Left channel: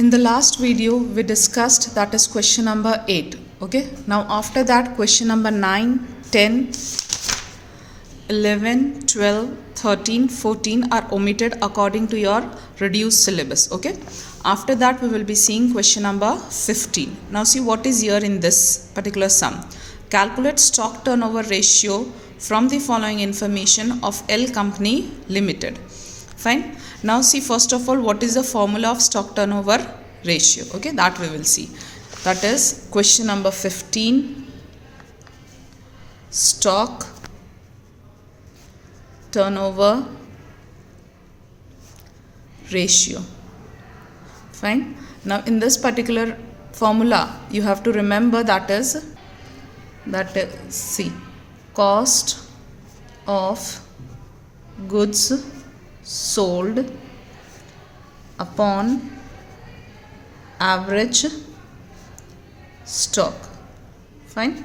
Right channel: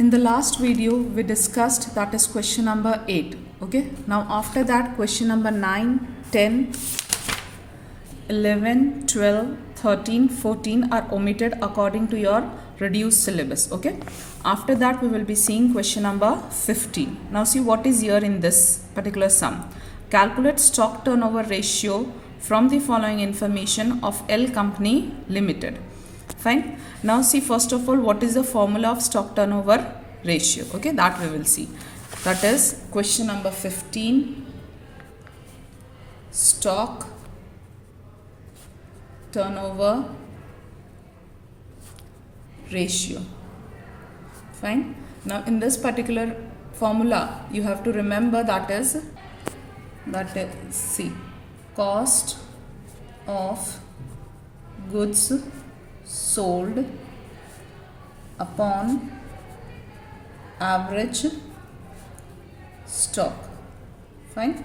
In the last video we discussed that is question number 8. Okay, now after that question number 9, 10, 11, 12, 13, 14 are omitted according to your reduced syllabus. Okay, after that we will be seeing question number 15. Now see what is here in this particular sum. Calculate stock turnover ratio from the following information of L Company Limited. Fine. Now see first of all what is the formula of stock turnover ratio. Okay, that we will see. That is question number 15. Stock turnover ratio. Fine. Now in this particular formula you have to remember that is C, cost of goods sold upon average stock. Fine.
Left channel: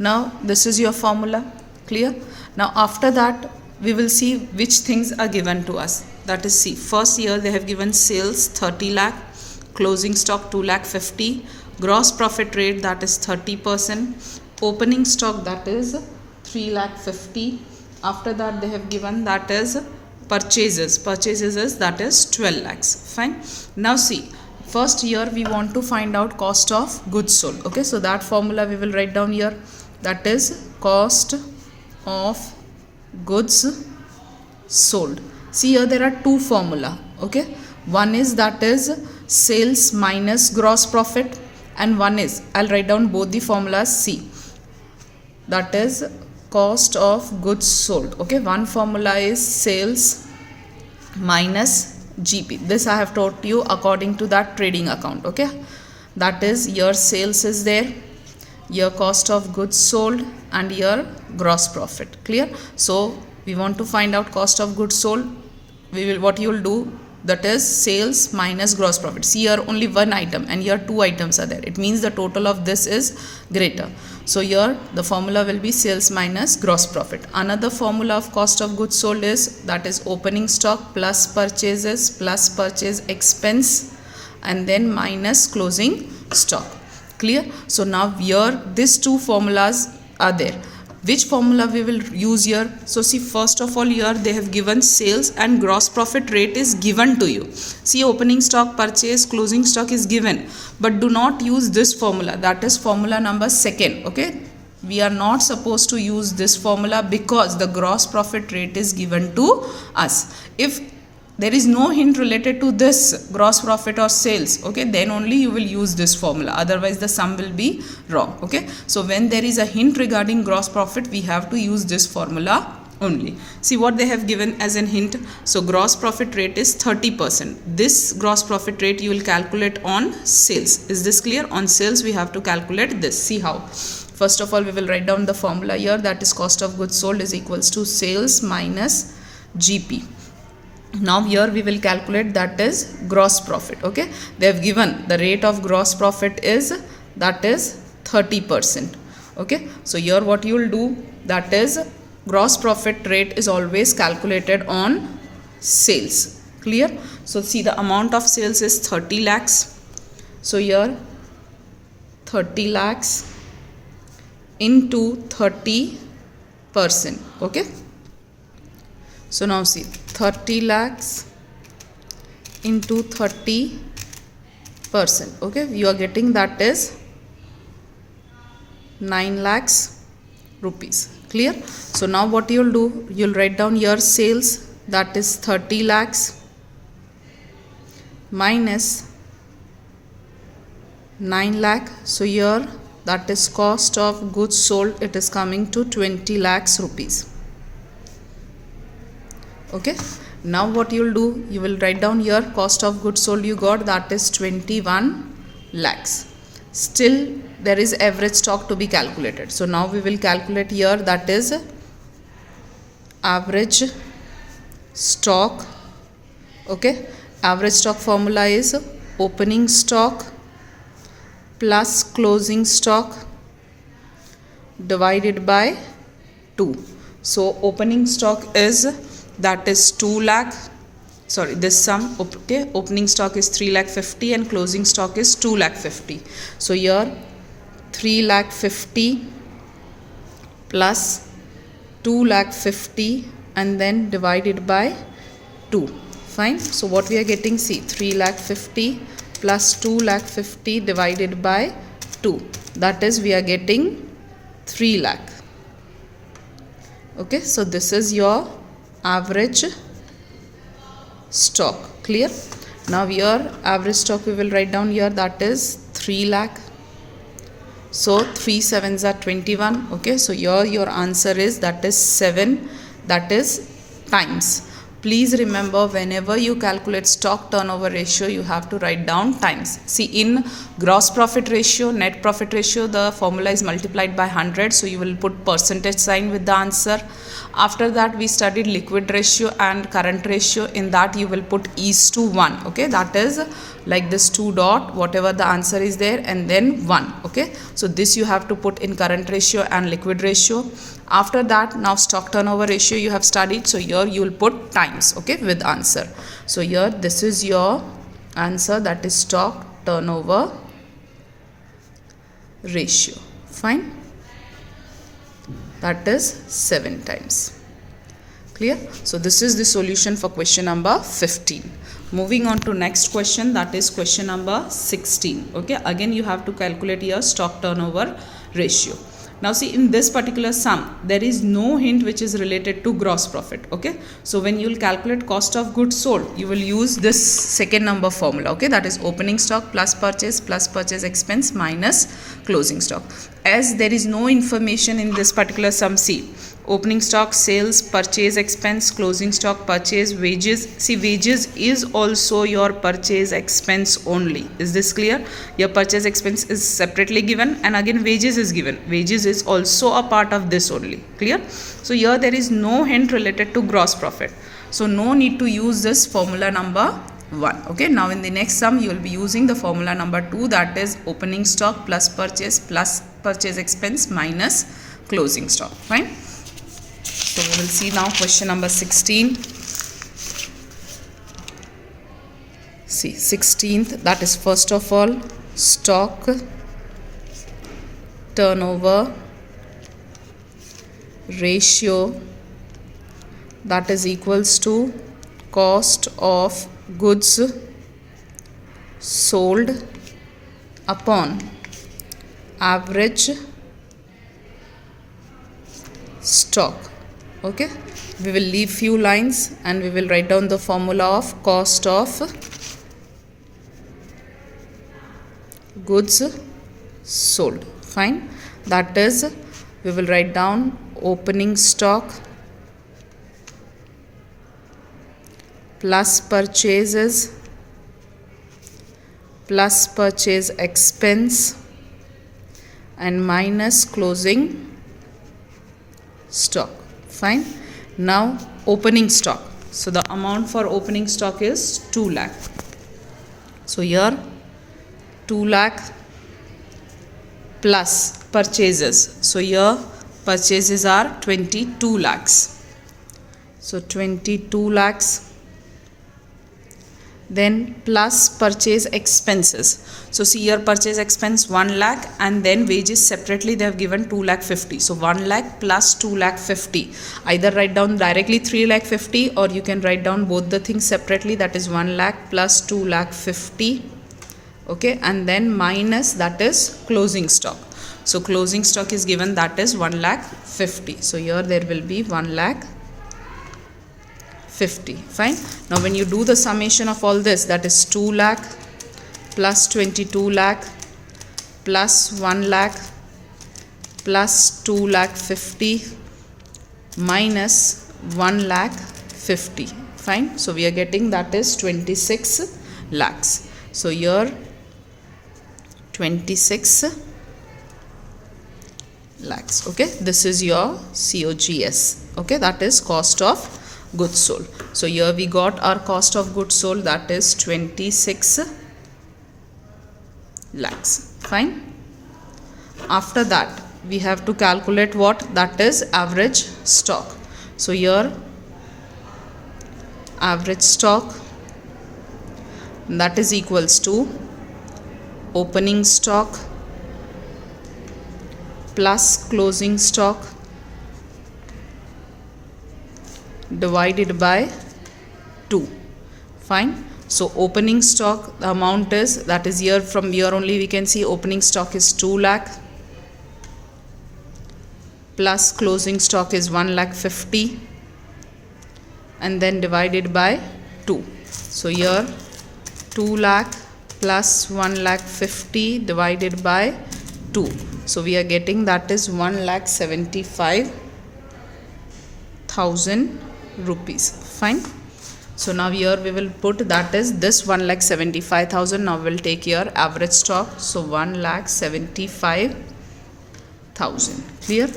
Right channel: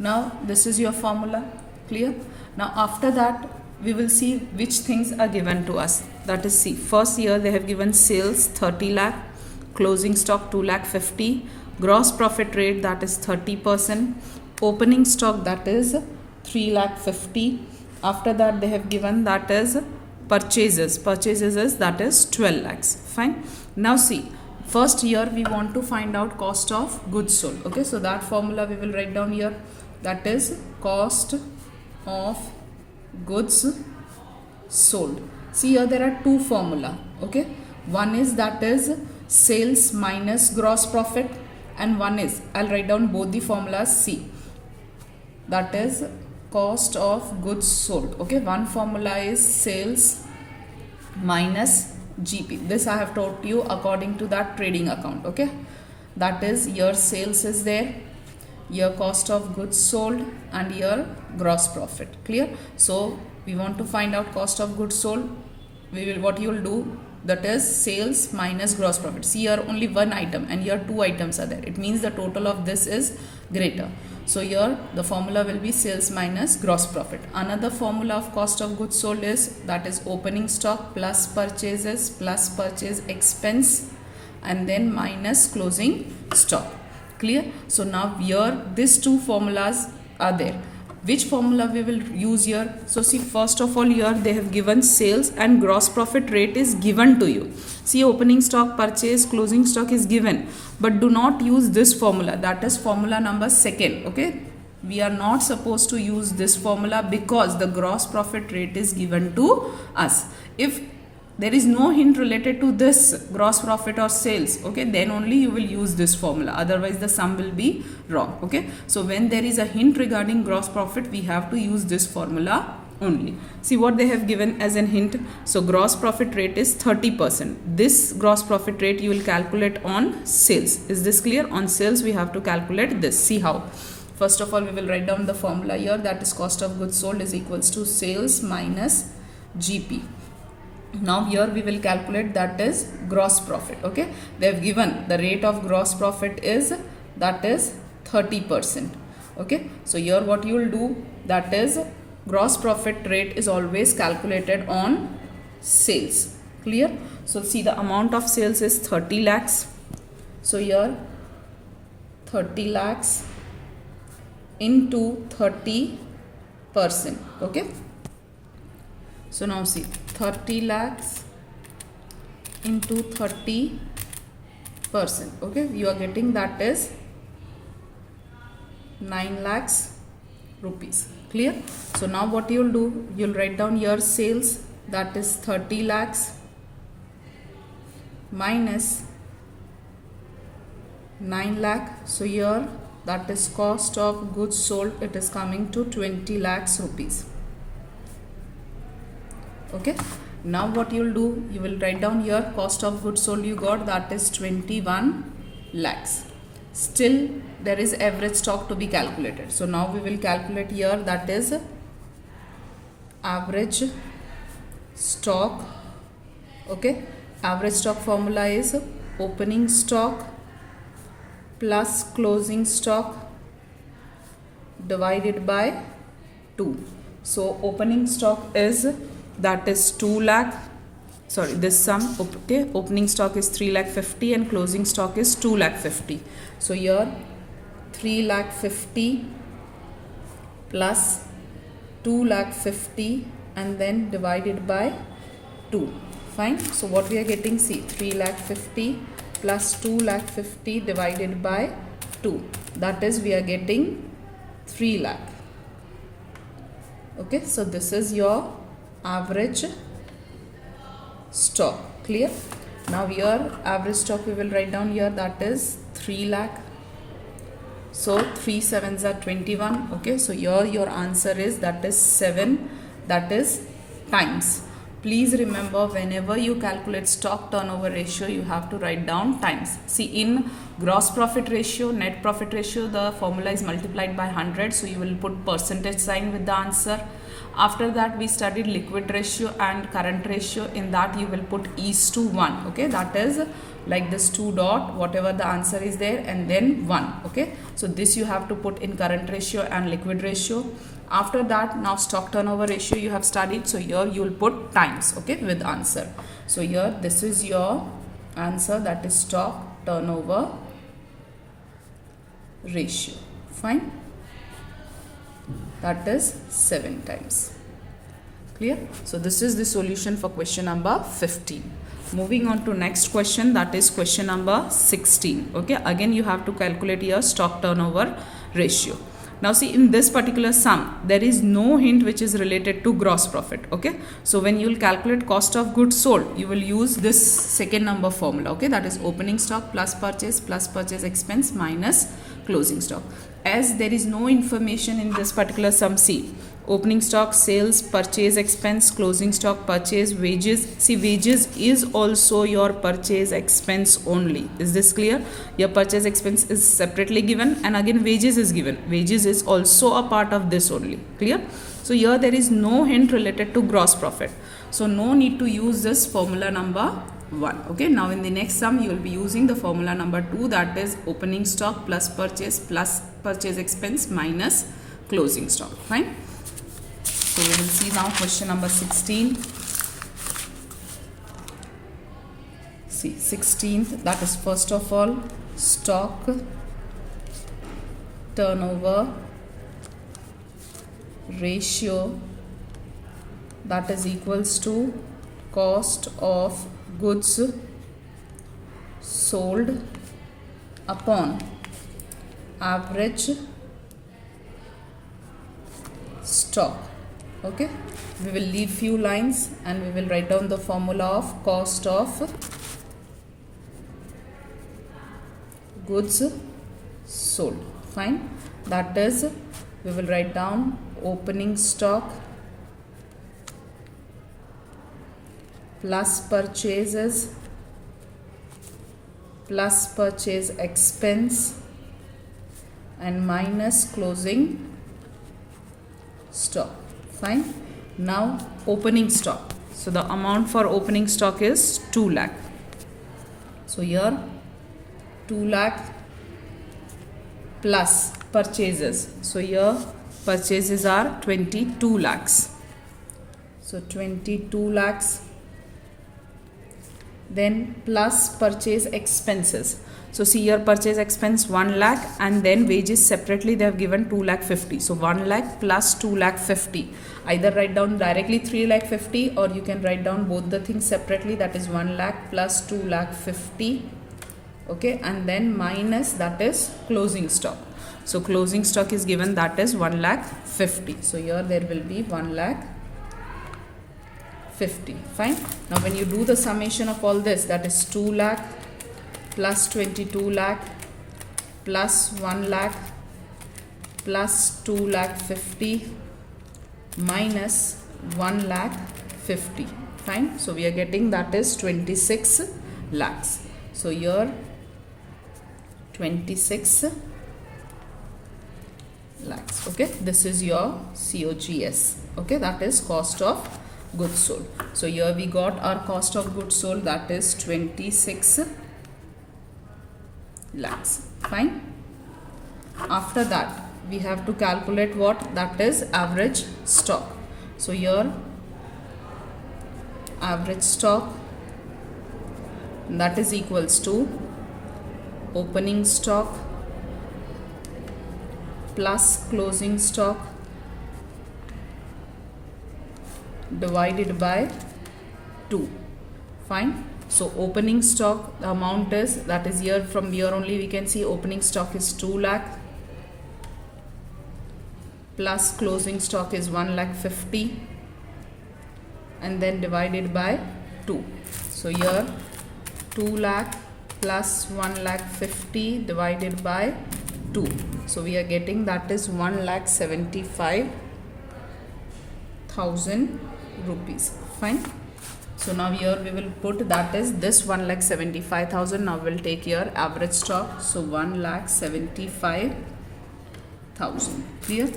Now this is your formula. Clear? Now after that we will see which things are given to us. That is C. First year they have given sales 30 lakh, closing stock 2 lakh 50, gross profit rate that is 30%, opening stock that is 3 lakh 50. After that they have given that is purchases is that is 12 lakhs. Fine. Now see, first year we want to find out cost of goods sold. Okay, so that formula we will write down here. That is cost of goods sold. See here there are two formula. Okay, one is that is sales minus gross profit, and one is, I'll write down both the formulas. C, that is cost of goods sold. Okay, one formula is sales minus GP. This I have taught you according to that trading account. Okay, that is your sales is there, your cost of goods sold, and your gross profit. Clear? So we want to find out cost of goods sold. What you will do, that is sales minus gross profit. See here only one item and here two items are there. It means the total of this is greater. So here the formula will be sales minus gross profit. Another formula of cost of goods sold is that is opening stock plus purchases plus purchase expense and then minus closing stock. Clear? So now here these two formulas are there. Which formula we will use here? So see, first of all here they have given sales and gross profit rate is given to you. See, opening stock, purchase, closing stock is given, but do not use this formula. That is formula number 2. Okay, we are not supposed to use this formula because the gross profit rate is given to us. If there is no hint related to this gross profit or sales, okay, then only you will use this formula, otherwise the sum will be wrong. Okay, so when there is a hint regarding gross profit, we have to use this formula only. See what they have given as an hint. So gross profit rate is 30%. This gross profit rate you will calculate on sales. Is this clear? On sales we have to calculate this. See how. First of all we will write down the formula here, that is cost of goods sold is equals to sales minus GP. Now here we will calculate that is gross profit. Okay, they have given the rate of gross profit is that is 30%. Okay, so here what you will do, that is gross profit rate is always calculated on sales. Clear? So see, the amount of sales is 30 lakhs. So here 30 lakhs into 30%. Okay, so now see, 30 lakhs into 30%. Okay, you are getting that is 9 lakhs rupees. Clear? So now what you will do, you will write down your sales, that is 30 lakhs minus 9 lakh. So here that is cost of goods sold, it is coming to 20 lakhs rupees. Okay, now what you will do, you will write down your cost of goods sold you got, that is 21 lakhs. Still there is average stock to be calculated. So now we will calculate here, that is average stock. Okay, average stock formula is opening stock plus closing stock divided by 2. So opening stock is that is 2 lakh. sorry, this sum, okay, opening stock is 3,50,000 and closing stock is 2,50,000. So here 3,50,000 plus 2,50,000 and then divided by 2. Fine. So what we are getting, see, 3,50,000 plus 2,50,000 divided by 2. That is, we are getting 3 lakh. Okay, so this is your average stock. Clear? Now your average stock we will write down here, that is 3 lakh. So 3 sevens are 21. Okay, so here your answer is, that is 7, that is times. Please remember, whenever you calculate stock turnover ratio, you have to write down times. See, in gross profit ratio, net profit ratio, the formula is multiplied by 100. So you will put percentage sign with the answer. After that, we studied liquid ratio and current ratio. In that, you will put is/1. Okay, that is like this 2 dot, whatever the answer is there, and then 1. Okay, so this you have to put in current ratio and liquid ratio. After that, now stock turnover ratio you have studied. So here you will put times, okay, with answer. So here this is your answer, that is stock turnover ratio. Fine. That is 7 times. Clear? So this is the solution for question number 15. Moving on to next question, that is question number 16. Okay, again you have to calculate your stock turnover ratio. Now see, in this particular sum, there is no hint which is related to gross profit. Okay, so when you will calculate cost of goods sold, you will use this second number formula. Okay, that is opening stock plus purchase expense minus closing stock. As there is no information in this particular sum, see, opening stock, sales, purchase expense, closing stock, purchase, wages. See, wages is also your purchase expense only. Is this clear? Your purchase expense is separately given, and again wages is given. Wages is also a part of this only. Clear? So here there is no hint related to gross profit. So no need to use this formula number 1. Okay, now in the next sum you will be using the formula number 2, that is opening stock plus purchase expense minus closing stock. Fine. So we will see now question number 16. See, 16th, that is first of all stock turnover ratio, that is equals to cost of goods sold upon average stock. Okay, we will leave few lines and we will write down the formula of cost of goods sold. Fine. That is, we will write down opening stock plus purchases plus purchase expense and minus closing stock. Fine. Now opening stock. So the amount for opening stock is 2 lakh. So here 2 lakh plus purchases. So here purchases are 22 lakhs. So 22 lakhs. Then plus purchase expenses. So see here purchase expense 1 lakh and then wages separately they have given 2,50,000. So 1 lakh plus 2,50,000. Either write down directly 3,50,000 or you can write down both the things separately, that is 1 lakh plus 2,50,000. Okay, and then minus, that is closing stock. So closing stock is given, that is 1,50,000. So here there will be 1,50,000. Fine. Now when you do the summation of all this, that is 2 lakh plus 22 lakh plus 1 lakh plus 2,50,000 minus 1,50,000. Fine. So we are getting, that is 26 lakhs. So here 26 lakhs. Okay, this is your COGS. Okay, that is cost of goods sold. So here we got our cost of goods sold, that is 26 lakhs. Fine. After that we have to calculate what? That is average stock. So here average stock that is equals to opening stock plus closing stock divided by 2. Fine. So opening stock, the amount is, that is here, from here only we can see opening stock is 2 lakh plus closing stock is 1,50,000 and then divided by 2. So here 2 lakh plus 1,50,000 divided by 2. So we are getting that is 1,75,000 rupees. Fine. So now here we will put that is this 1,75,000. Now we will take here average stock. So 1,75,000. Clear?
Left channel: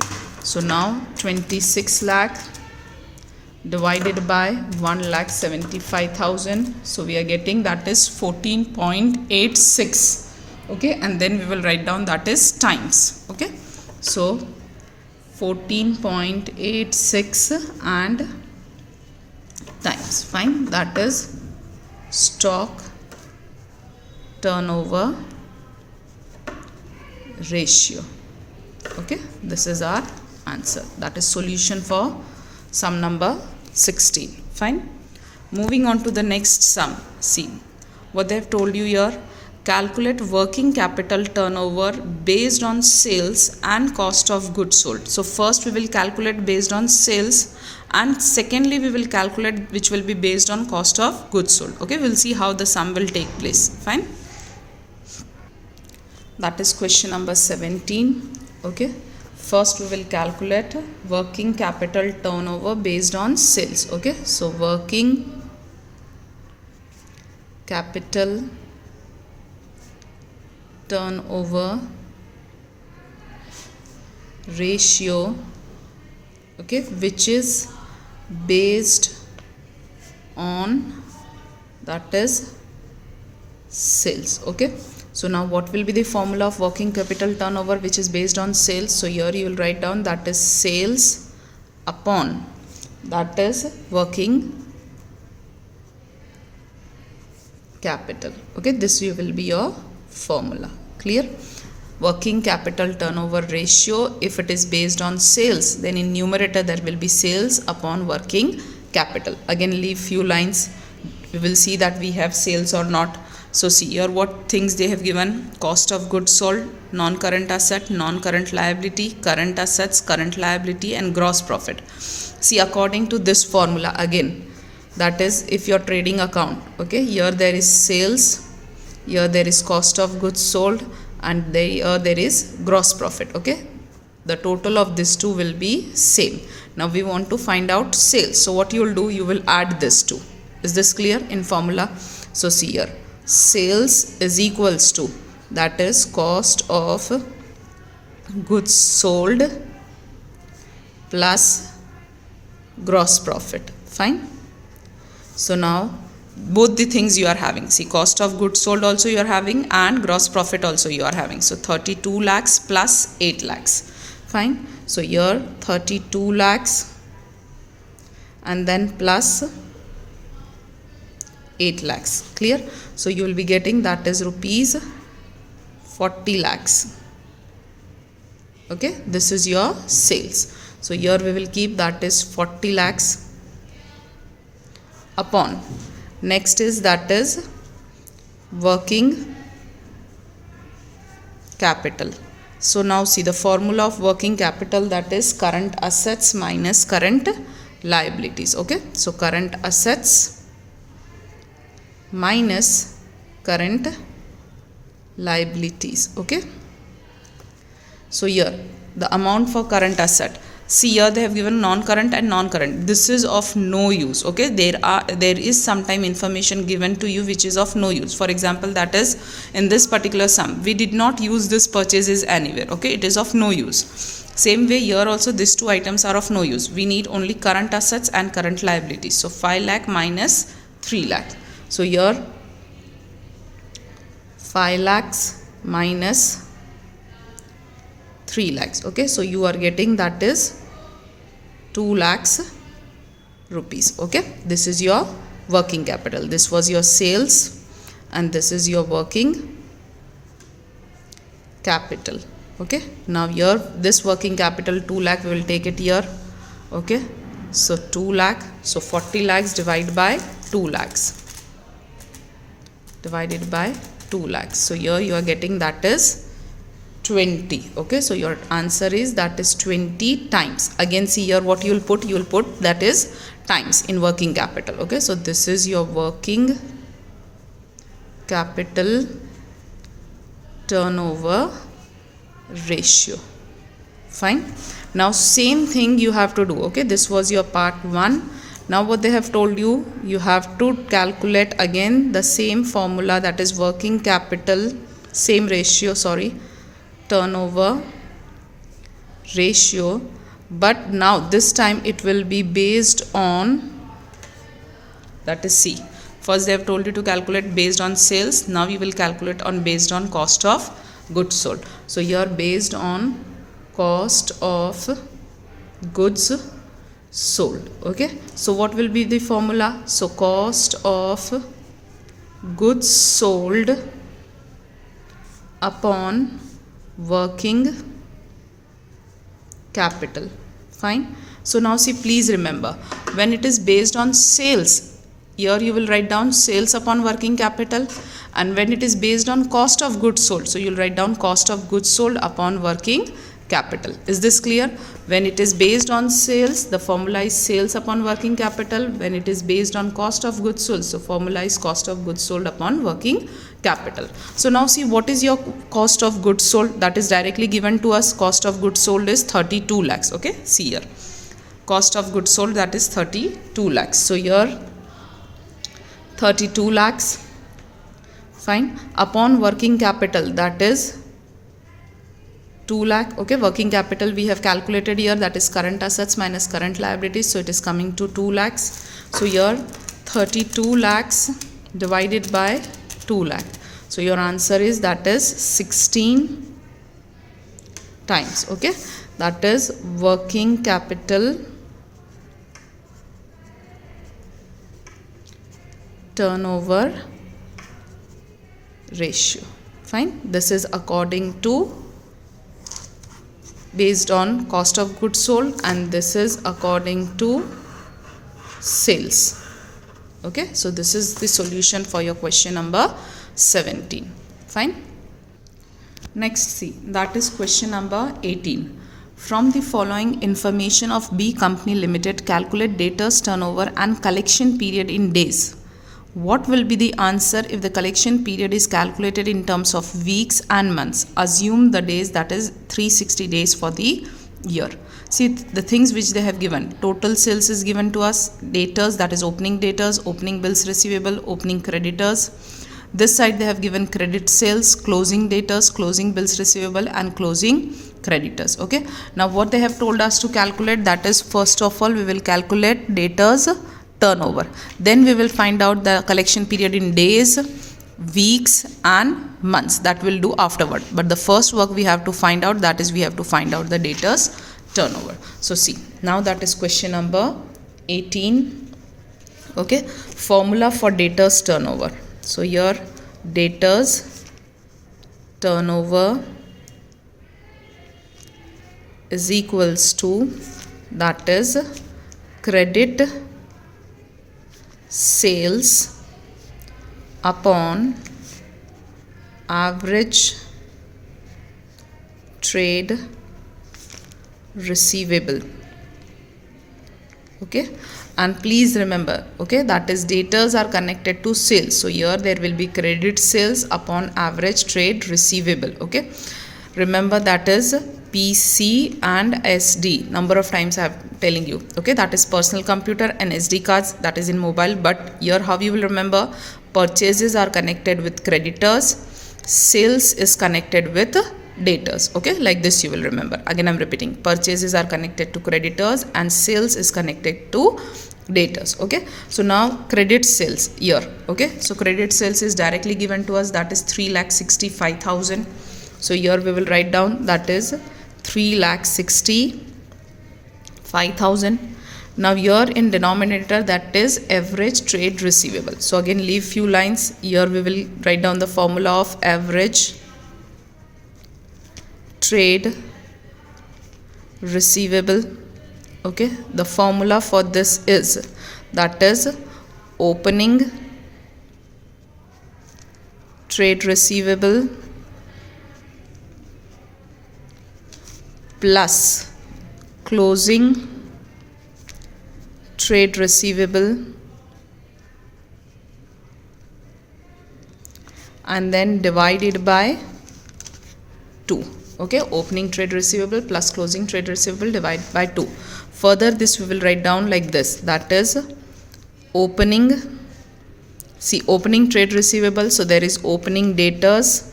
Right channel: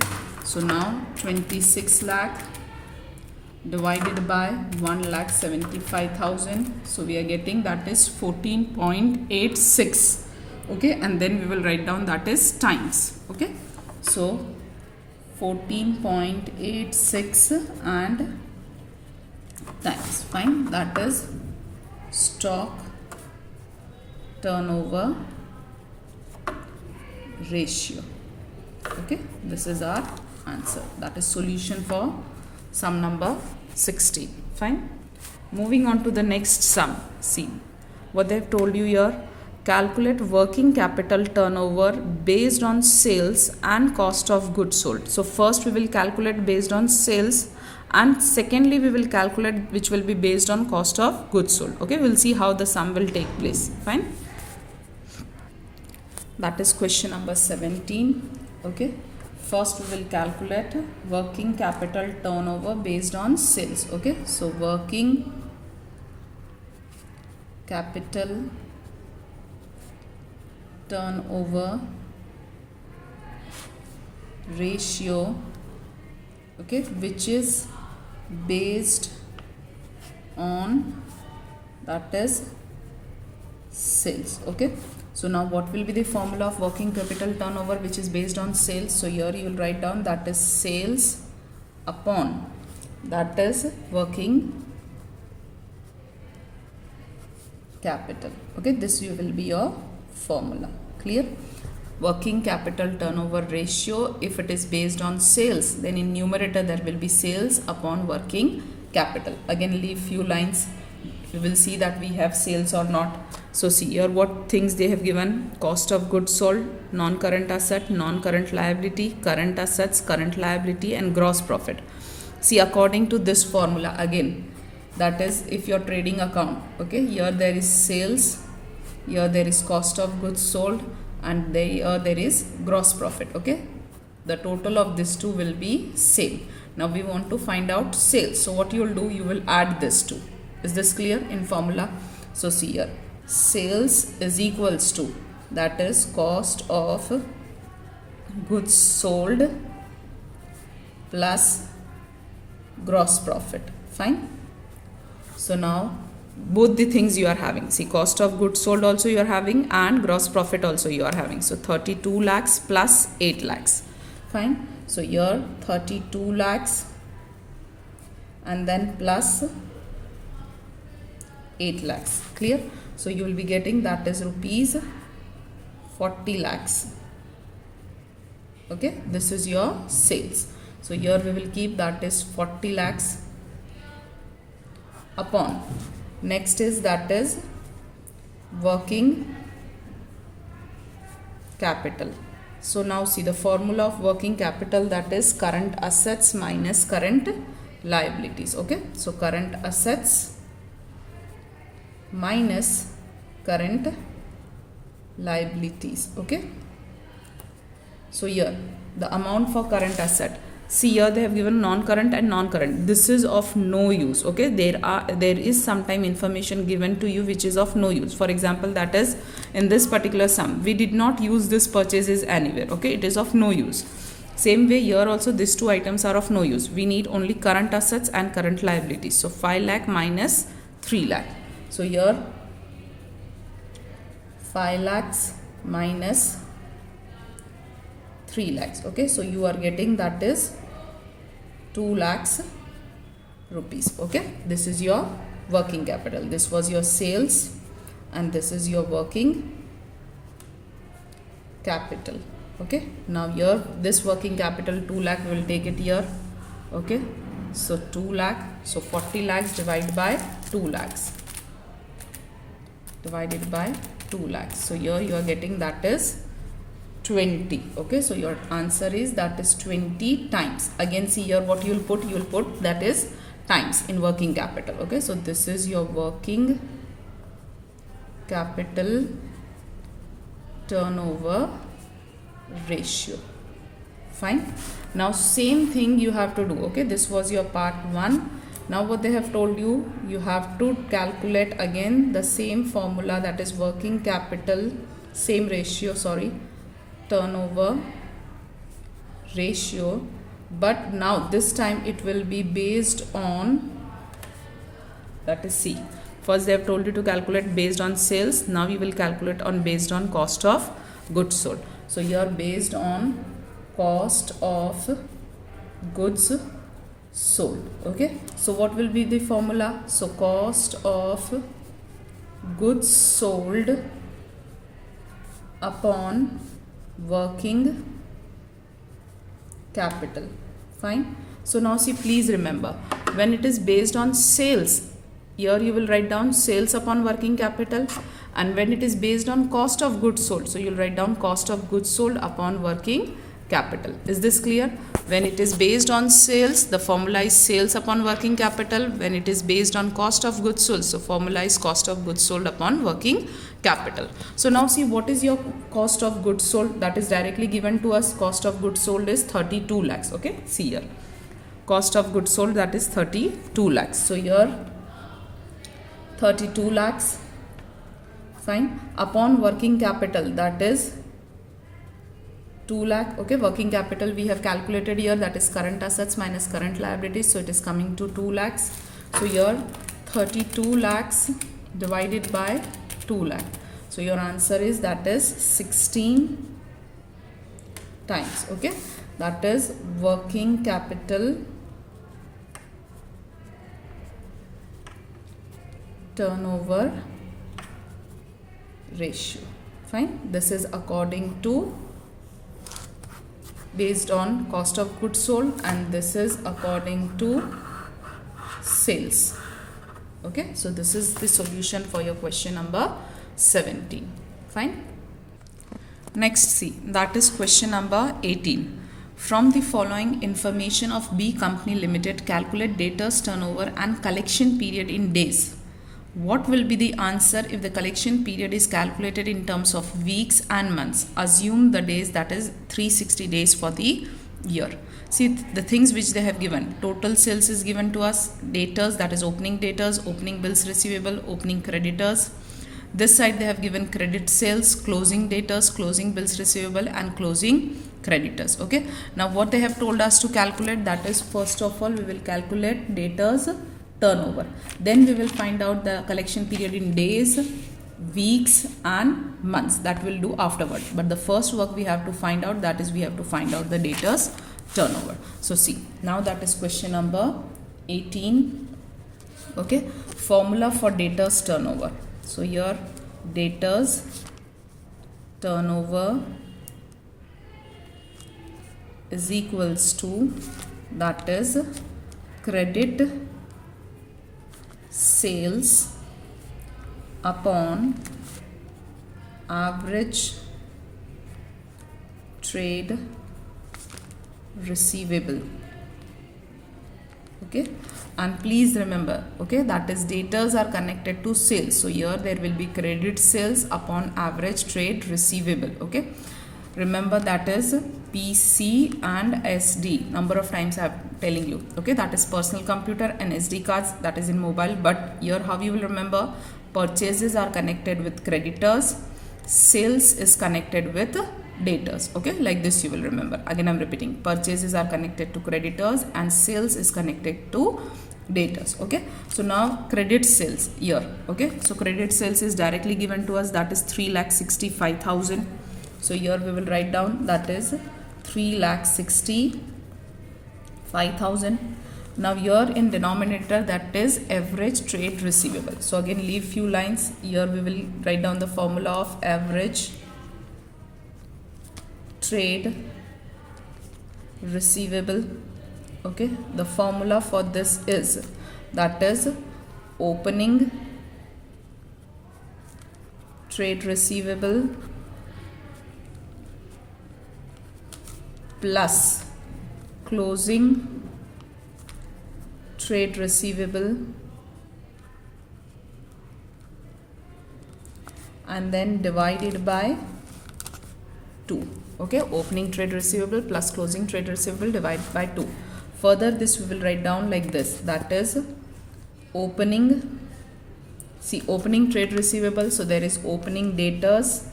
So now 26 lakh divided by 1,75,000. So we are getting that is 14.86. Okay, and then we will write down that is times. Okay, so 14.86 and times. Fine, that is stock turnover ratio. Okay, this is our answer. That is solution for sum number 16. Fine. Moving on to the next sum. See what they have told you here. Calculate working capital turnover based on sales and cost of goods sold. So first we will calculate based on sales, and secondly we will calculate which will be based on cost of goods sold. Okay, we'll see how the sum will take place. Fine. That is question number 17. Okay, first we will calculate working capital turnover based on sales. Okay, so working capital turnover ratio, okay, which is based on that is sales. Okay, so now what will be the formula of working capital turnover which is based on sales? So here you will write down that is sales upon that is working capital. Okay, this will be your formula. Clear? Working capital turnover ratio, if it is based on sales, then in numerator there will be sales upon working capital. Again leave few lines, we will see that we have sales or not. So see here what things they have given: cost of goods sold, non-current asset, non-current liability, current assets, current liability, and gross profit. See, according to this formula, again, that is if your trading account, okay, here there is sales, here there is cost of goods sold, and there is gross profit. Okay, the total of these two will be same. Now we want to find out sales. So what you will do, you will add this two. Is this clear in formula? So see here, sales is equals to that is cost of goods sold plus gross profit. Fine. So now both the things you are having. See, cost of goods sold also you are having and gross profit also you are having. So 32 lakhs plus 8 lakhs. Fine. So here 32 lakhs and then plus 8 lakhs. Clear? So you will be getting that is rupees 40 lakhs. Okay, this is your sales. So here we will keep that is 40 lakhs upon. Next is that is working capital. So now see the formula of working capital, that is current assets minus current liabilities. Okay, so current assets minus current liabilities. Okay, so here the amount for current asset, see here they have given non-current and non-current. This is of no use. Okay, there is sometime information given to you which is of no use. For example, that is in this particular sum we did not use this purchases anywhere. Okay, it is of no use. Same way here also these two items are of no use. We need only current assets and current liabilities. So 5 lakh minus 3 lakh. So here 5 lakhs minus 3 lakhs. Okay, so you are getting that is 2 lakhs rupees. Okay, this is your working capital. This was your sales and this is your working capital. Okay, now here this working capital 2 lakh, we will take it here. Okay, so 2 lakh, so 40 lakhs divided by 2 lakhs, divided by 2 lakhs. So here you are getting that is 20. Okay, so your answer is that is 20 times. Again, see here what you will put that is times in working capital. Okay, so this is your working capital turnover ratio. Fine. Now same thing you have to do. Okay, this was your part 1. Now what they have told you, you have to calculate again the same formula, that is working capital, same ratio, sorry, turnover ratio, but now this time it will be based on, that is C. First they have told you to calculate based on sales, now we will calculate on based on cost of goods sold. So here based on cost of goods sold. Okay, so what will be the formula? So cost of goods sold upon working capital. Fine. So now see, please remember, when it is based on sales, here you will write down sales upon working capital, and when it is based on cost of goods sold, so you will write down cost of goods sold upon working capital. Is this clear? When it is based on sales, the formula is sales upon working capital. When it is based on cost of goods sold, so formula is cost of goods sold upon working capital. So now see, what is your cost of goods sold? That is directly given to us. Cost of goods sold is 32 lakhs. Okay, see here, cost of goods sold, that is 32 lakhs. So here 32 lakhs. Fine. Upon working capital, that is 2 lakh. Okay, working capital we have calculated here, that is current assets minus current liabilities, so it is coming to 2 lakhs. So here 32 lakhs divided by 2 lakh. So your answer is, that is 16 times. Okay, that is working capital turnover ratio. Fine. This is according to based on cost of goods sold, and this is according to sales. Okay, so this is the solution for your question number 17. Fine. Next, see, that is question number 18. From the following information of B Company Limited, calculate debtors turnover and collection period in days. What will be the answer if the collection period is calculated in terms of weeks and months? Assume the days, that is 360 days for the year. See the things which they have given. Total sales is given to us. Debtors, that is opening debtors, opening bills receivable, opening creditors. This side they have given credit sales, closing debtors, closing bills receivable, and closing creditors. Okay. Now what they have told us to calculate, that is first of all we will calculate debtors turnover. Then we will find out the collection period in days, weeks and months. That will do afterward. But the first work we have to find out, that is we have to find out the debtors turnover. So see, now that is question number 18. Okay, formula for debtors turnover. So here debtors turnover is equals to, that is credit sales upon average trade receivable. Okay, and please remember, okay, that is debtors are connected to sales, so here there will be credit sales upon average trade receivable. Okay, remember that is PC and SD. Number of times I am telling you. Okay, that is personal computer and SD cards, that is in mobile. But here how you will remember, purchases are connected with creditors, sales is connected with debtors. Okay, like this you will remember. Again I am repeating, purchases are connected to creditors and sales is connected to debtors. Okay, so now credit sales here. Okay, so credit sales is directly given to us, that is 3,65,000. So here we will write down, that is 3,65,000. Now here in denominator, that is average trade receivable. So again leave few lines. Here we will write down the formula of average trade receivable. Okay, the formula for this is, that is opening trade receivable plus closing trade receivable and then divided by 2. Okay, opening trade receivable plus closing trade receivable divided by 2. Further, this we will write down like this, that is opening, see, opening trade receivable, so there is opening debtors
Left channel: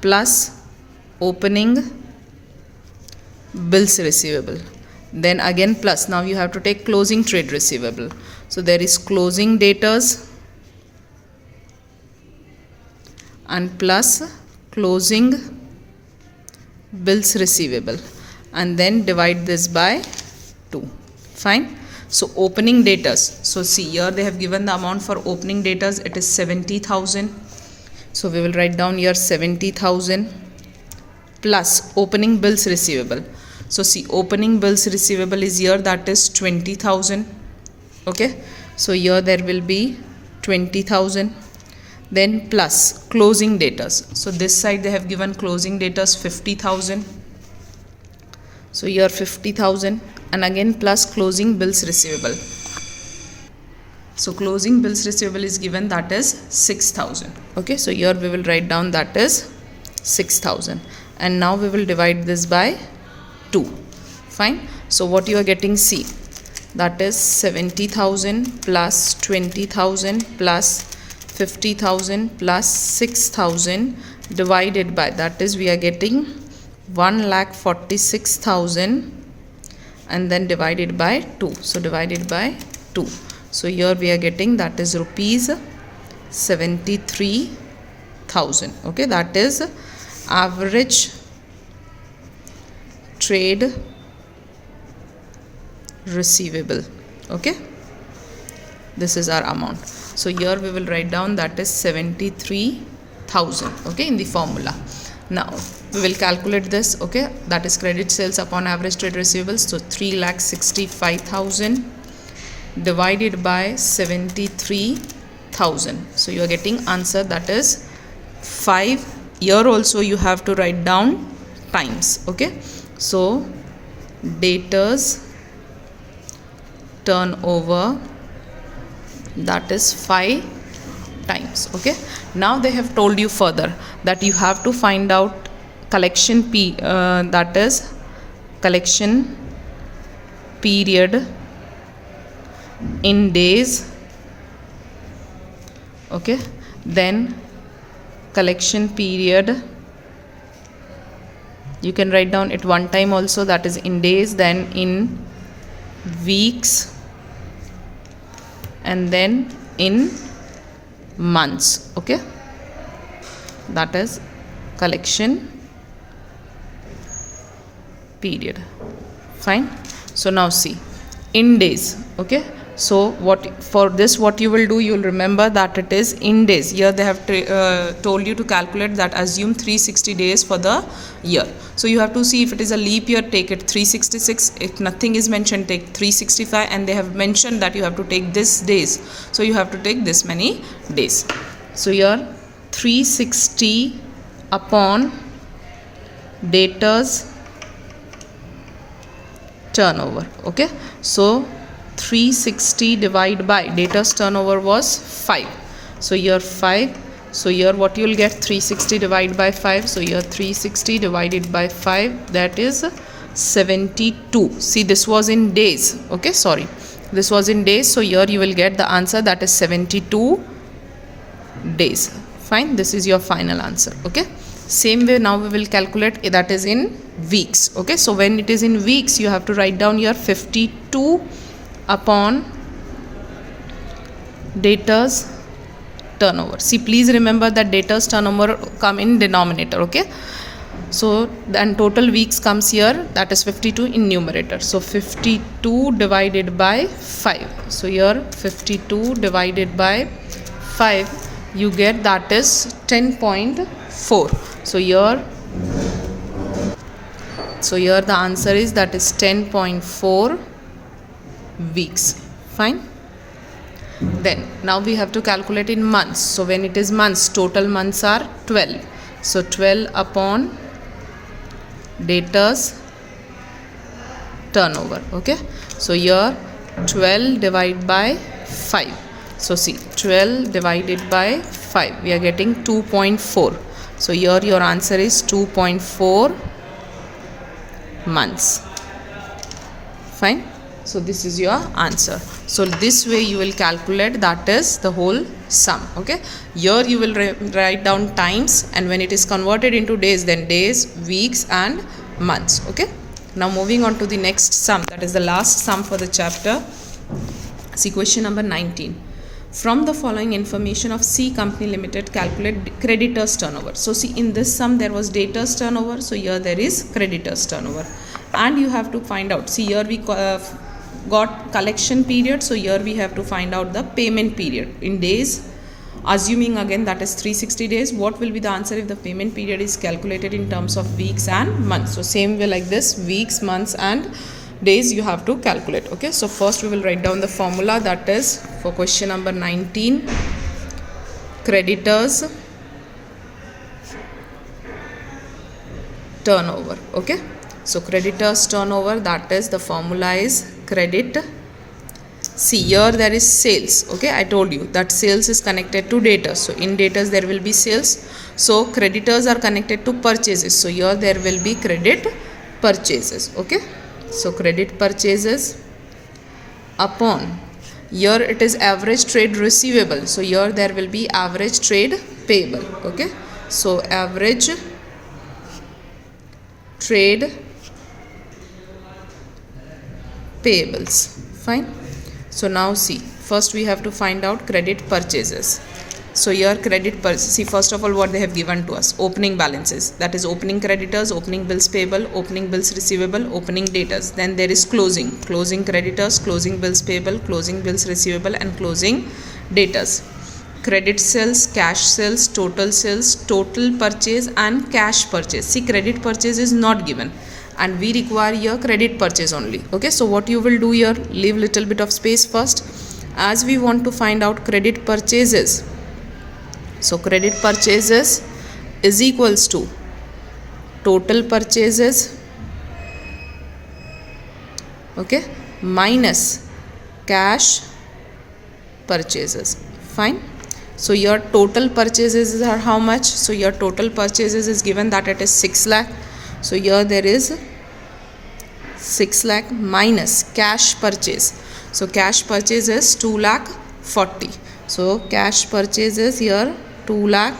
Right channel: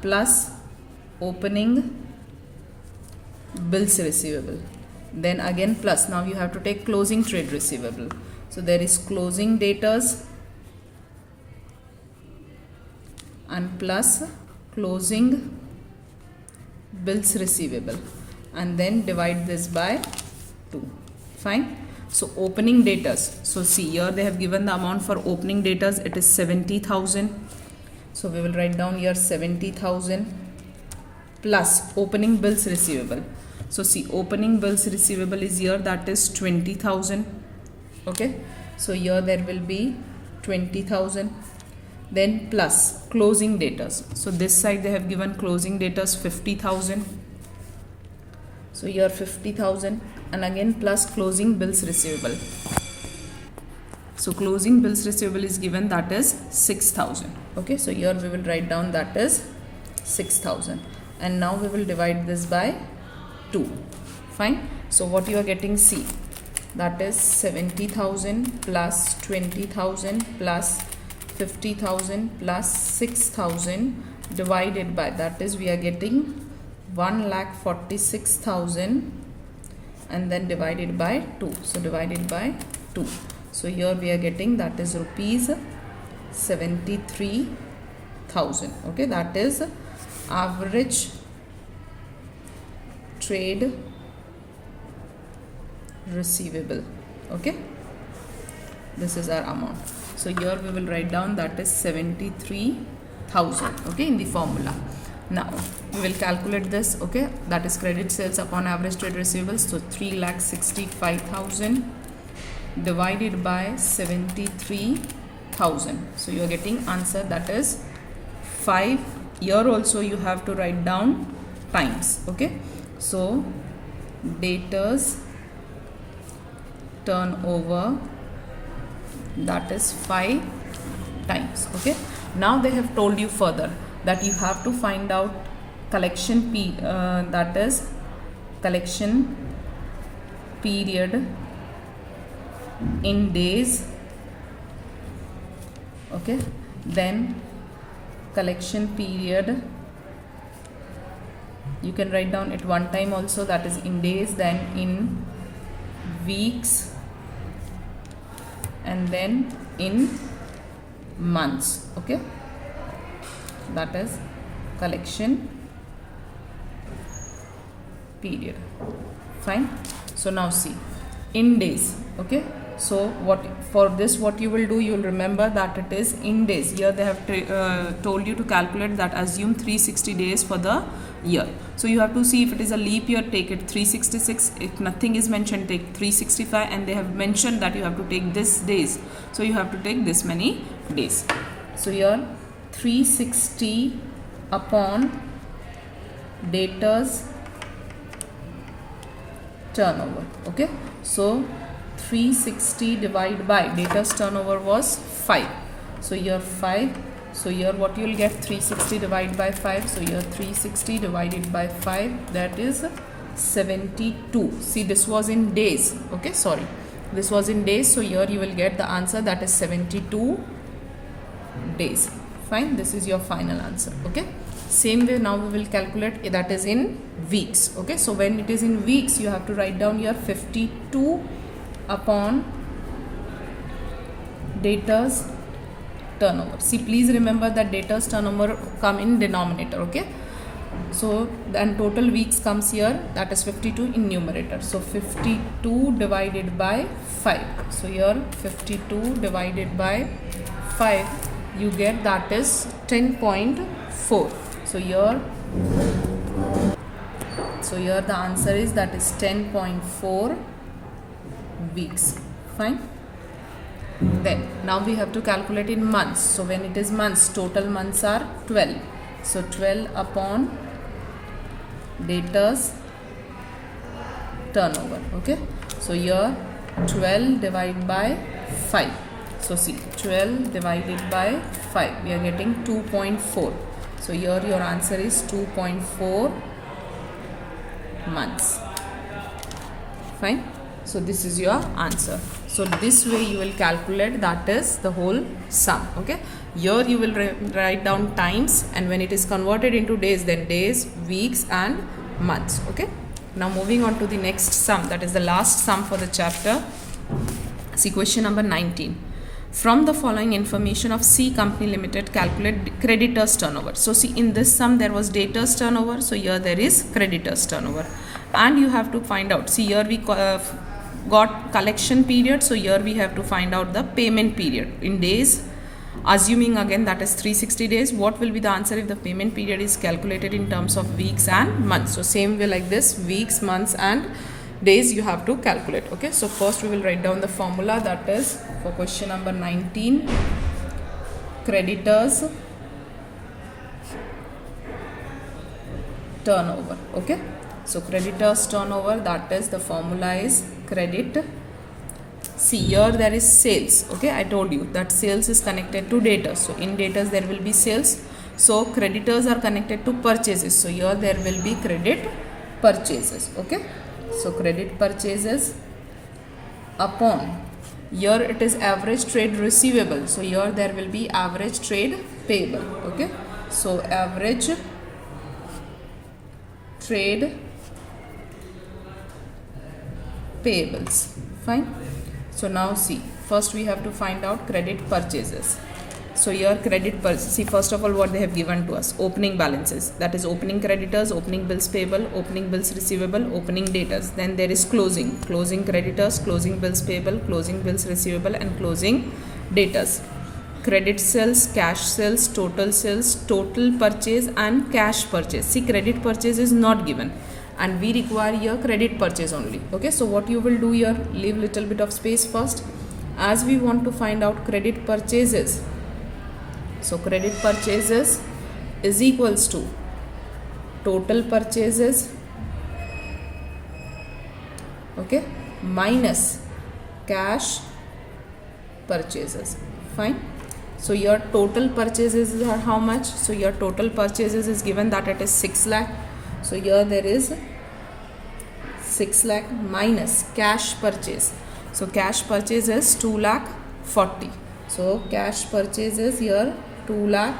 plus opening bills receivable, then again plus, now you have to take closing trade receivable, so there is closing debtors and plus closing bills receivable, and then divide this by 2. Fine. So opening debtors, so see here they have given the amount for opening debtors, it is 70,000, so we will write down here 70,000 plus opening bills receivable. So see, opening bills receivable is here, that is 20,000. Okay, so here there will be 20,000, then plus closing debtors, so this side they have given closing debtors 50,000, so here 50,000, and again plus closing bills receivable, so closing bills receivable is given, that is 6,000. Okay, so here we will write down that is 6,000, and now we will divide this by 2. Fine. So what you are getting, C, that is 70,000 plus 20,000 plus 50,000 plus 6,000 divided by, that is we are getting 1,46,000 and then divided by 2. So divided by 2. So here we are getting, that is rupees 73,000. Okay, that is average trade receivable. Okay, this is our amount. So here we will write down that is 73,000. Okay, in the formula. Now we will calculate this. Okay, that is credit sales upon average trade receivables. So 3,65,000 divided by 73,000. So you are getting answer, that is 5. Here also you have to write down times. Okay, so debtors turnover, that is 5 times. Okay, now they have told you further that you have to find out collection that is collection period in days. Okay, then collection period, you can write down it one time also, that is in days, then in weeks, and then in months. Okay, that is collection period. Fine. So now see, in days. Okay, so what for this, what you will do, you will remember that it is in days. Here they have told you to calculate that, assume 360 days for the year. So you have to see, if it is a leap year, take it 366. If nothing is mentioned, take 365, and they have mentioned that you have to take this days, so you have to take this many days. So here 360 upon debtors turnover. Okay, so 360 divided by debtors turnover was 5, so here 5. So here what you will get, 360 divided by 5, so here 360 divided by 5, that is 72. See, this was in days. Okay, sorry, this was in days, so here you will get the answer, that is 72 days. Fine, this is your final answer. Okay, same way now we will calculate, that is in weeks. Okay, so when it is in weeks, you have to write down your 52 upon debtors turnover. See, please remember that debtors turnover come in denominator. Okay, So then total weeks comes here, that is 52 in numerator. So 52 divided by 5. So here 52 divided by 5, you get that is 10.4. So here the answer is that is 10.4 weeks. Fine. Then now we have to calculate in months. So when it is months, total months are 12. So 12 upon debtors turnover. Okay, so here 12 divided by 5. So see, 12 divided by 5, we are getting 2.4. So here your answer is 2.4 months. Fine. So this is your answer. So this way you will calculate, that is the whole sum. Okay, here you will write down times, and when it is converted into days, then days, weeks and months. Okay, now moving on to the next sum, that is the last sum for the chapter. See question number 19. From the following information of C Company Limited, calculate creditors turnover. So see, in this sum there was debtors turnover, so here there is creditors turnover, and you have to find out. See, here we got collection period, so here we have to find out the payment period in days, assuming again that is 360 days. What will be the answer if the payment period is calculated in terms of weeks and months? So same way like this, weeks, months and days you have to calculate. Okay, so first we will write down the formula, that is for question number 19, creditors turnover. Okay, so creditors turnover, that is the formula is credit. See, here there is sales. Okay, I told you that sales is connected to debtors, so in debtors there will be sales. So creditors are connected to purchases, so here there will be credit purchases. Okay, so credit purchases upon, here it is average trade receivable, so here there will be average trade payable. Okay, so average trade payables. Fine. So now see, first we have to find out credit purchases. So here credit purchase, see first of all what they have given to us, opening balances, that is opening creditors, opening bills payable, opening bills receivable, opening debtors. Then there is closing creditors, closing bills payable, closing bills receivable and closing debtors. Credit sales, cash sales, total purchase and cash purchase. See, credit purchase is not given, and we require here credit purchase only. Okay, so what you will do here, leave little bit of space first, as we want to find out credit purchases. So credit purchases is equals to total purchases, okay, minus cash purchases. Fine. So your total purchases are how much? So your total purchases is given that it is 6 lakh. So here there is 6 lakh minus cash purchase. So cash purchase is 2 lakh 40. So cash purchase is here 2 lakh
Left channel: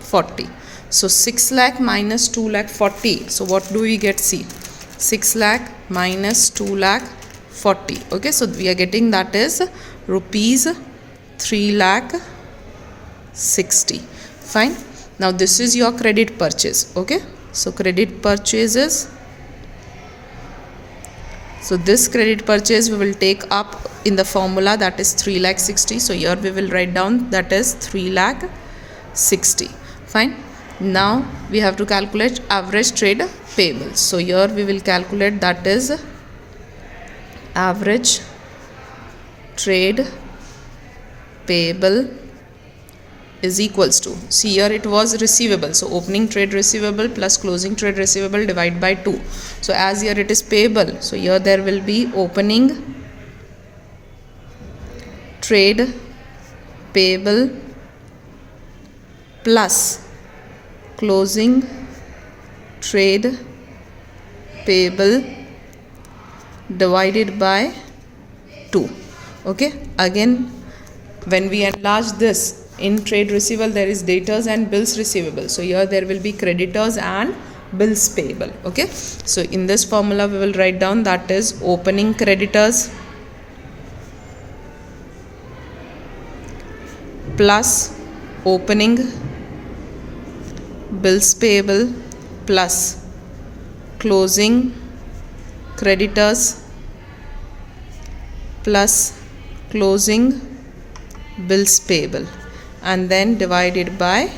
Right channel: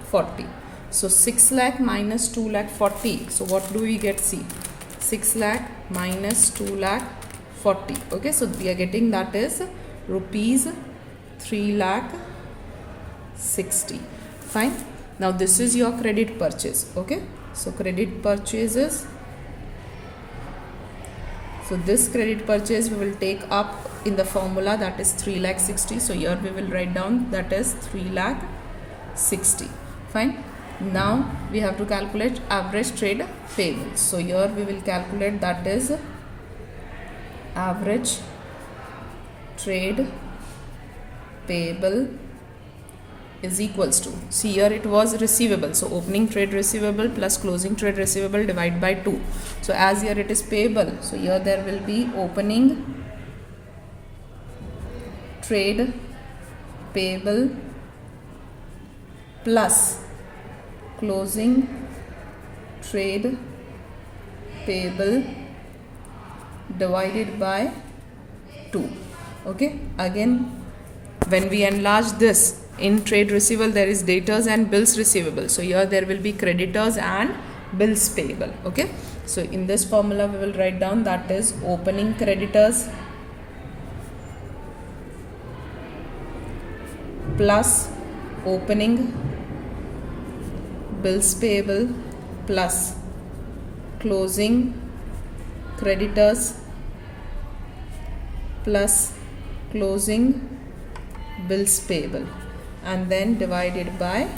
40. So 6 lakh minus 2 lakh 40. So what do we get? See, 6 lakh minus 2 lakh 40. Okay, so we are getting that is rupees 3 lakh 60. Fine. Now this is your credit purchase. Okay, so credit purchases. So this credit purchase we will take up in the formula, that is 3 lakh 60. So here we will write down that is 3 lakh 60. Fine. Now we have to calculate average trade payables. So here we will calculate that is average trade payable is equals to, see here it was receivable, so opening trade receivable plus closing trade receivable divided by 2. So as here it is payable, so here there will be opening trade payable plus closing trade payable divided by 2. Okay, again when we enlarge this, in trade receivable there is debtors and bills receivable, so here there will be creditors and bills payable. Okay, so in this formula we will write down that is opening creditors plus opening bills payable plus closing creditors plus closing bills payable, and then divided by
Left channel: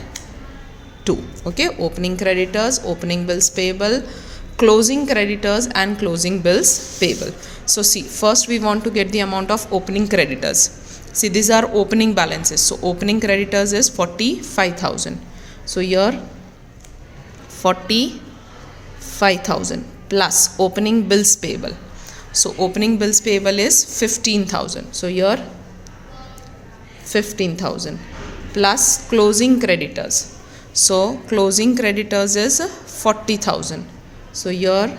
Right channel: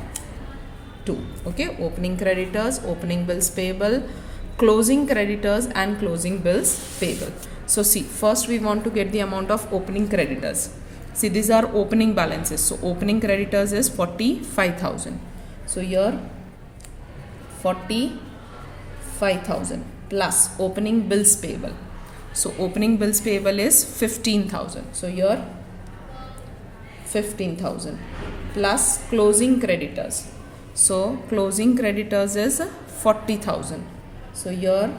2. Okay, opening creditors, opening bills payable, closing creditors and closing bills payable. So see, first we want to get the amount of opening creditors. See, these are opening balances. So opening creditors is 45,000. So here 45,000 plus opening bills payable. So opening bills payable is 15,000. So here 15,000 plus closing creditors. So closing creditors is 40,000. So here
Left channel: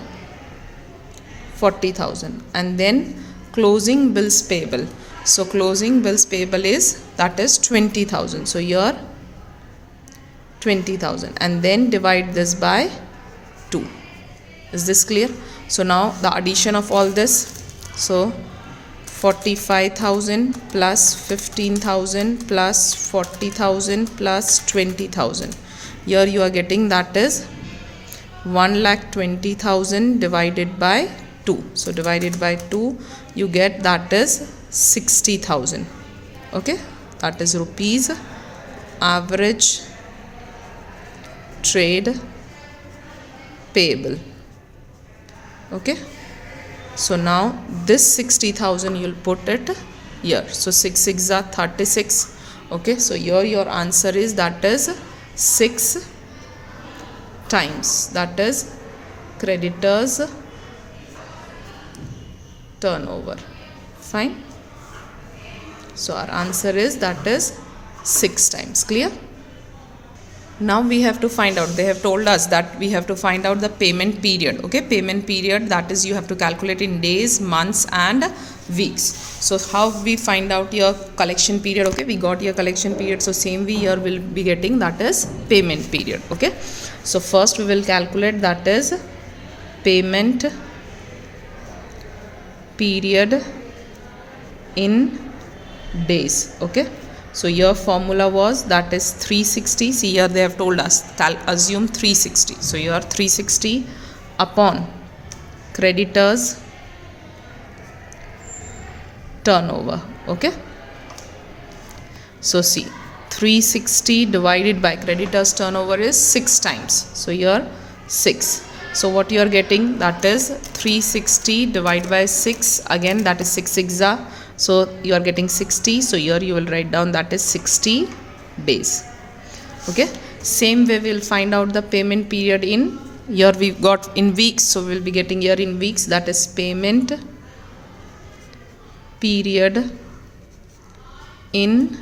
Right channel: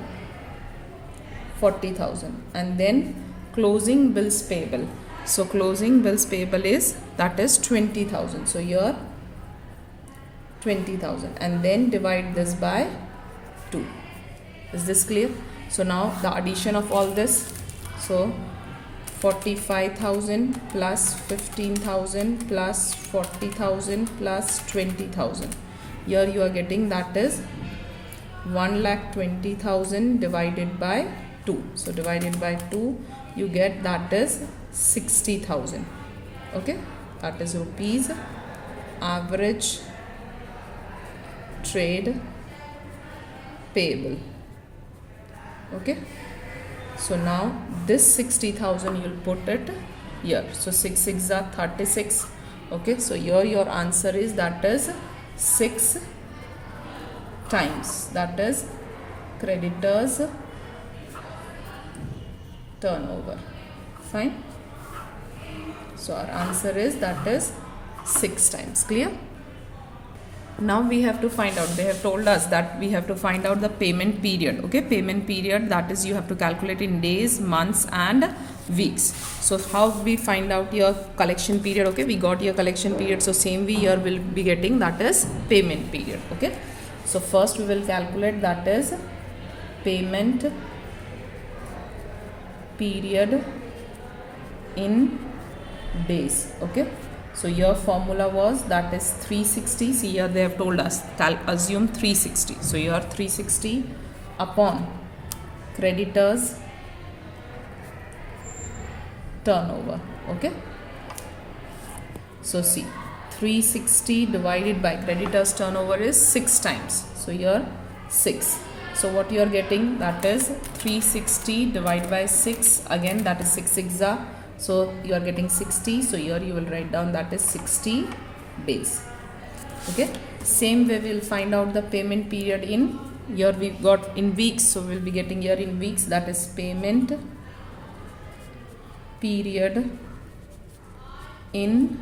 40,000, and then closing bills payable. So closing bills payable is, that is 20,000. So here 20,000, and then divide this by 2. Is this clear? So now the addition of all this, so 45,000 plus 15,000 plus 40,000 plus 20,000. Here you are getting, that is 1,20,000 divided by 2. So divided by 2, you get, that is 60,000. Okay, that is rupees average trade payable. Okay, so now this 60,000 you'll put it here. So 6 6 are 36. Okay, so here your answer is, that is 6 times, that is creditors turnover. Fine. So our answer is, that is 6 times. Clear? Now we have to find out, they have told us that we have to find out the payment period. Okay, payment period, that is you have to calculate in days, months and weeks. So how we find out your collection period? Okay, we got your collection period, so same way here we'll be getting, that is payment period. Okay, so first we will calculate, that is payment period in days. Okay, so your formula was, that is 360. See, here they have told us, assume 360. So your 360 upon creditors turnover. Okay, so see, 360 divided by creditors turnover is 6 times. So here 6. So what you are getting, that is 360 divided by 6, again that is 6 6 are. So you are getting 60. So here you will write down, that is 60 days. Okay, same way we will find out the payment period in, here we got in weeks, so we will be getting here in weeks, that is payment period in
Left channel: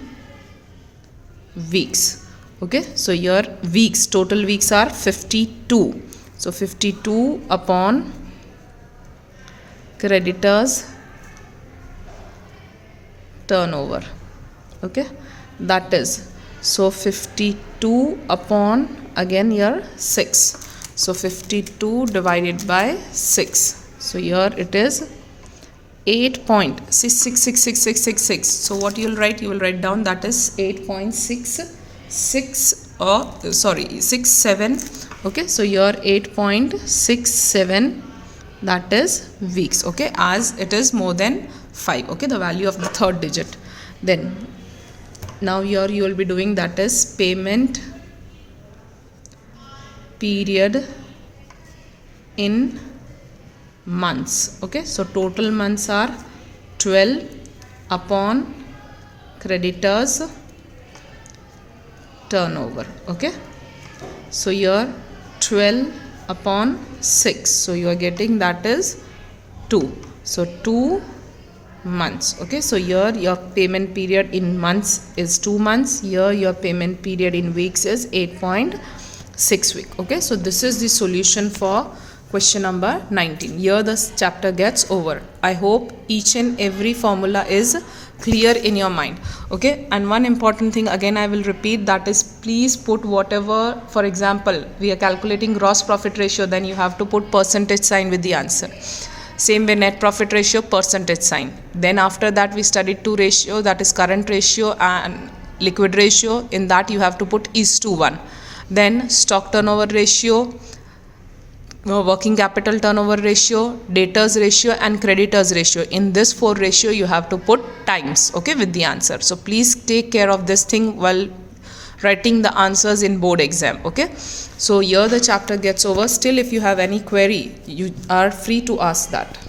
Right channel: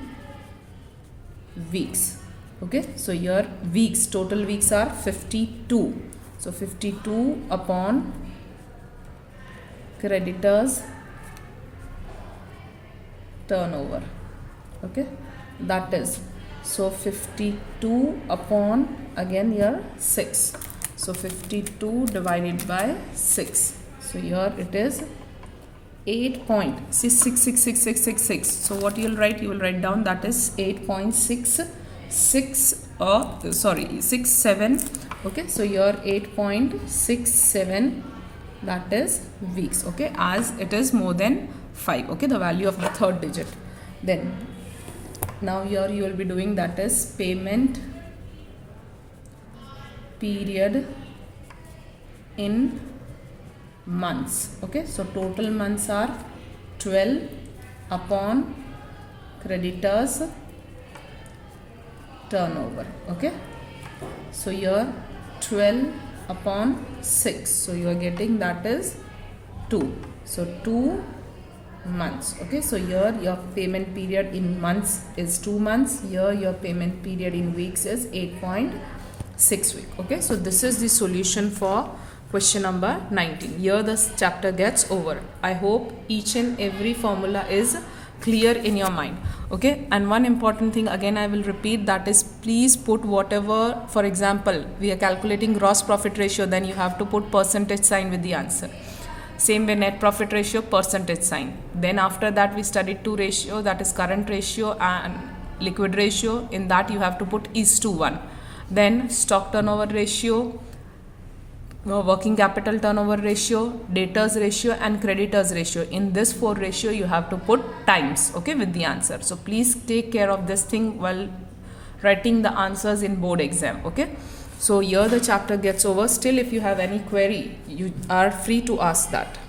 weeks. Okay, so here weeks, total weeks are 52. So 52 upon creditors turnover. Okay, that is, so 52 upon, again here 6. So 52 divided by 6. So here it is 8.666666. So what you will write? You will write down, that is 8.66 67. Okay, so here 8.67, that is weeks. Okay, as it is more than 5. Okay, the value of the third digit. Then now here you will be doing, that is payment period in months. Okay, so total months are 12 upon creditors turnover. Okay, so here 12 upon 6. So you are getting, that is 2. So 2 months. Okay, so here your payment period in months is 2 months. Here your payment period in weeks is 8.6 week. Okay, so this is the solution for question number 19. Here this chapter gets over. I hope each and every formula is clear in your mind. Okay, and one important thing again I will repeat, that is please put whatever, for example we are calculating gross profit ratio, then you have to put percentage sign with the answer. Same way net profit ratio, percentage sign. Then after that we studied two ratio, that is current ratio and liquid ratio. In that you have to put is to 1. Then stock turnover ratio, working capital turnover ratio, debtors ratio and creditors ratio. In this 4 ratio you have to put times, okay, with the answer. So please take care of this thing while writing the answers in board exam, okay. So here the chapter gets over. Still if you have any query, you are free to ask that.